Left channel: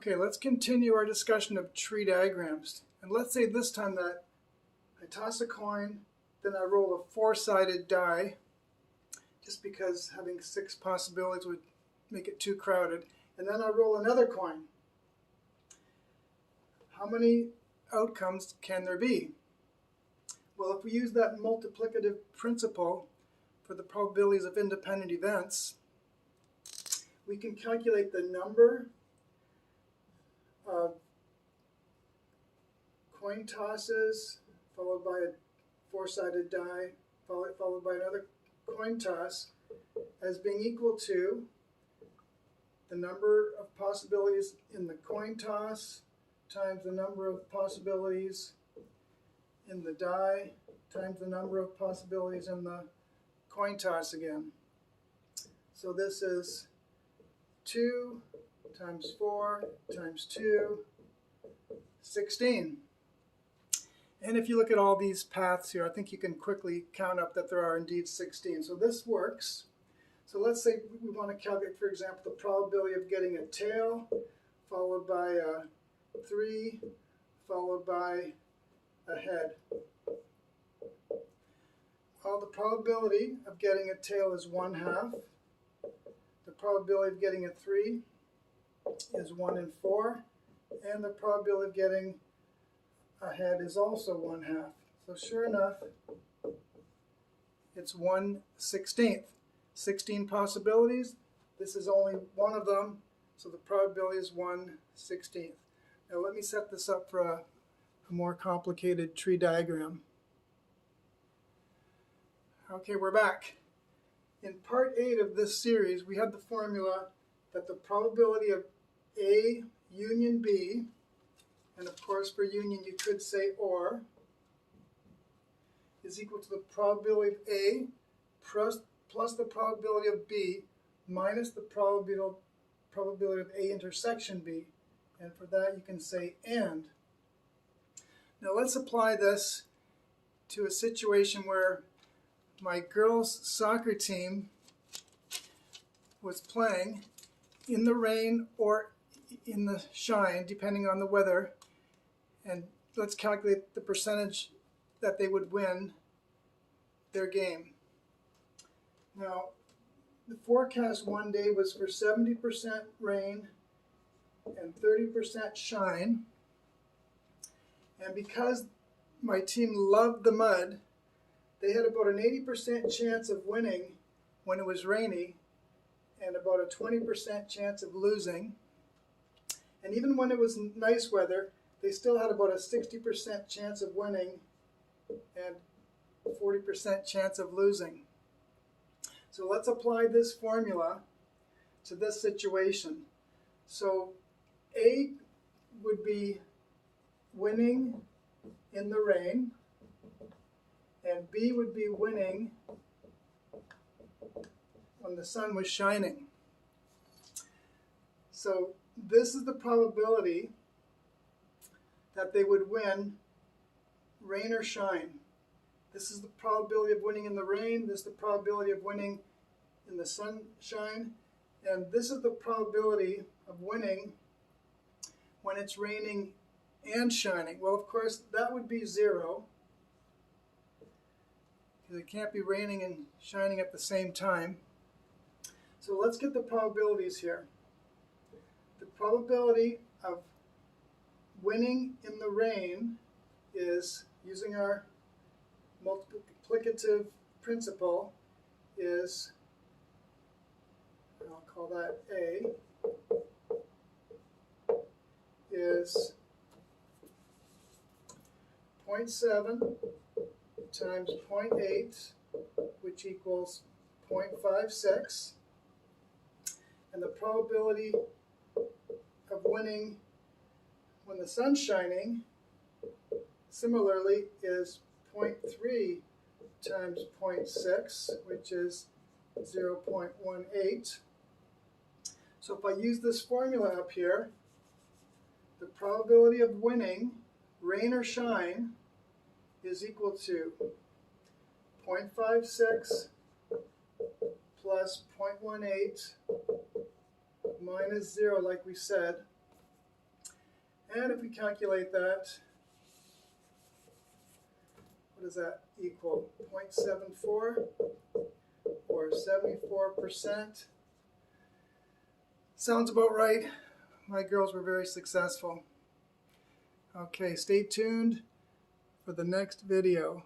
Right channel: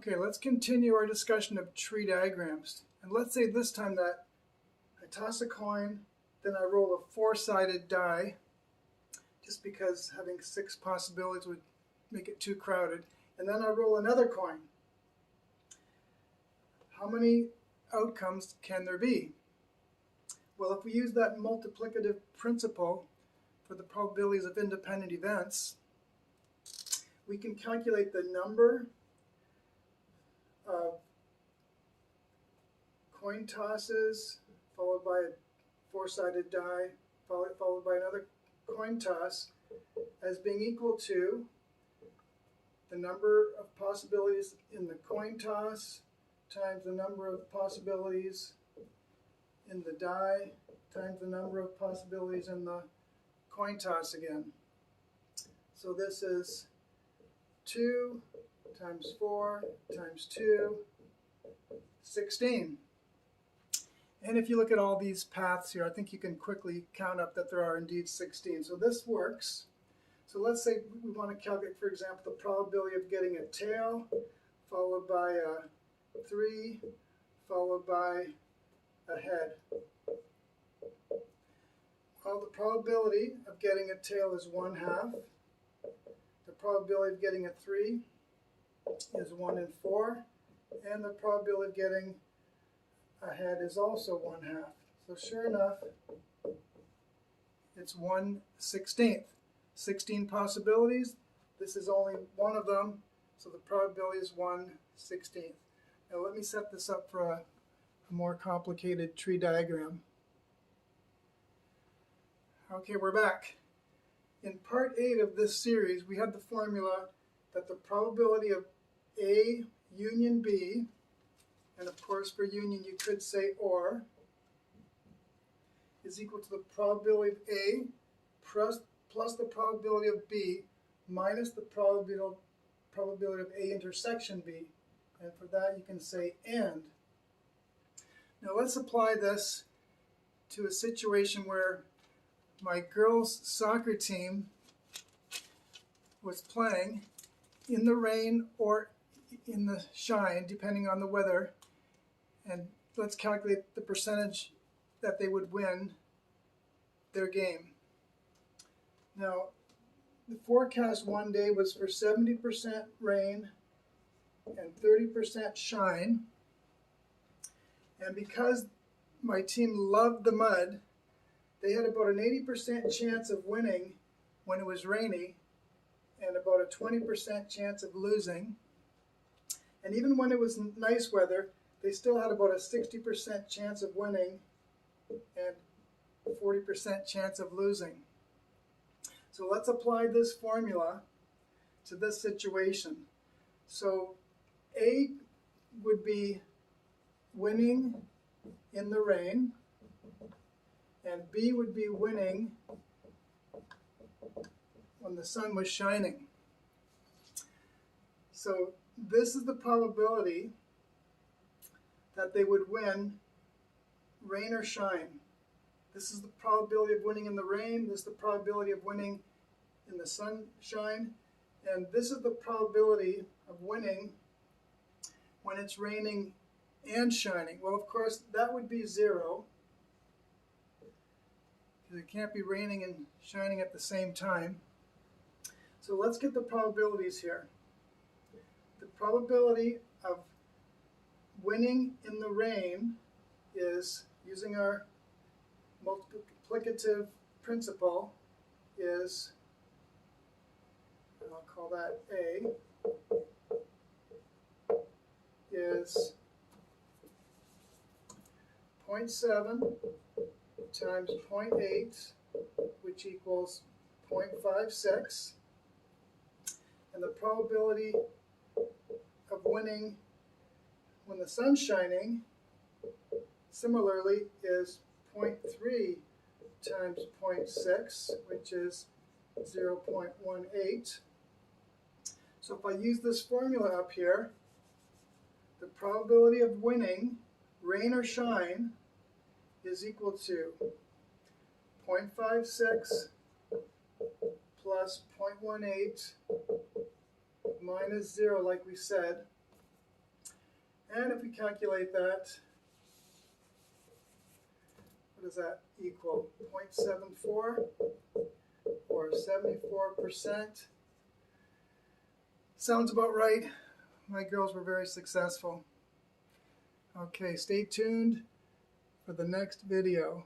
Okay, let's continue our discussion of tree diagrams. And let's say this time that I toss a coin, then I roll a four-sided die, just because having 6 possibilities would make it too crowded. And then I roll another coin. How many outcomes can there be? Well, if we use that multiplicative principle for the probabilities of independent events, we can calculate the number of coin tosses followed by a four-sided die followed by another coin toss as being equal to the number of possibilities in the coin toss times the number of possibilities in the die times the number of possibilities in the coin toss again. So this is 2 times 4 times 2, 16. And if you look at all these paths here, I think you can quickly count up that there are indeed 16. So this works. So let's say we want to calculate, for example, the probability of getting a tail, followed by a 3, followed by a head. Well, the probability of getting a tail is 1/2. The probability of getting a 3 is 1 in 4. And the probability of getting a head is also 1/2. So sure enough, it's 1/16. 16 possibilities. This is only one of them, so the probability is 1/16. Now let me set this up for a more complicated tree diagram. Okay, we're back. In part 8 of this series, we had the formula that the probability of A union B, and of course for union you could say OR, is equal to the probability of A plus the probability of B minus the probability of A intersection B. And for that you can say AND. Now let's apply this to a situation where my girls' soccer team was playing in the rain or in the shine, depending on the weather, and let's calculate the percentage that they would win their game. Now, the forecast one day was for 70% rain and 30% shine, and because my team loved the mud, they had about an 80% chance of winning when it was rainy and about a 20% chance of losing. And even when it was nice weather, they still had about a 60% chance of winning and a 40% chance of losing. So let's apply this formula to this situation. So A would be winning in the rain, and B would be winning when the sun was shining. So this is the probability that they would win rain or shine. This is the probability of winning in the rain, this is the probability of winning in the sunshine, and this is the probability of winning when it's raining and shining. Well, of course, that would be 0. It can't be raining and shining at the same time. So let's get the probabilities here. The probability of winning in the rain is, using our multiplicative principle, is, I'll call that A, is 0.7 times 0.8, which equals 0.56, and the probability of winning when the sun's shining, similarly, is 0.3 times 0.6, which is 0.18. So if I use this formula up here, the probability of winning, rain or shine, is equal to 0.56 plus 0.18 minus 0, like we said, And if we calculate that, what does that equal? 0.74 or 74%. Sounds about right. My girls were very successful. Okay, stay tuned for the next video.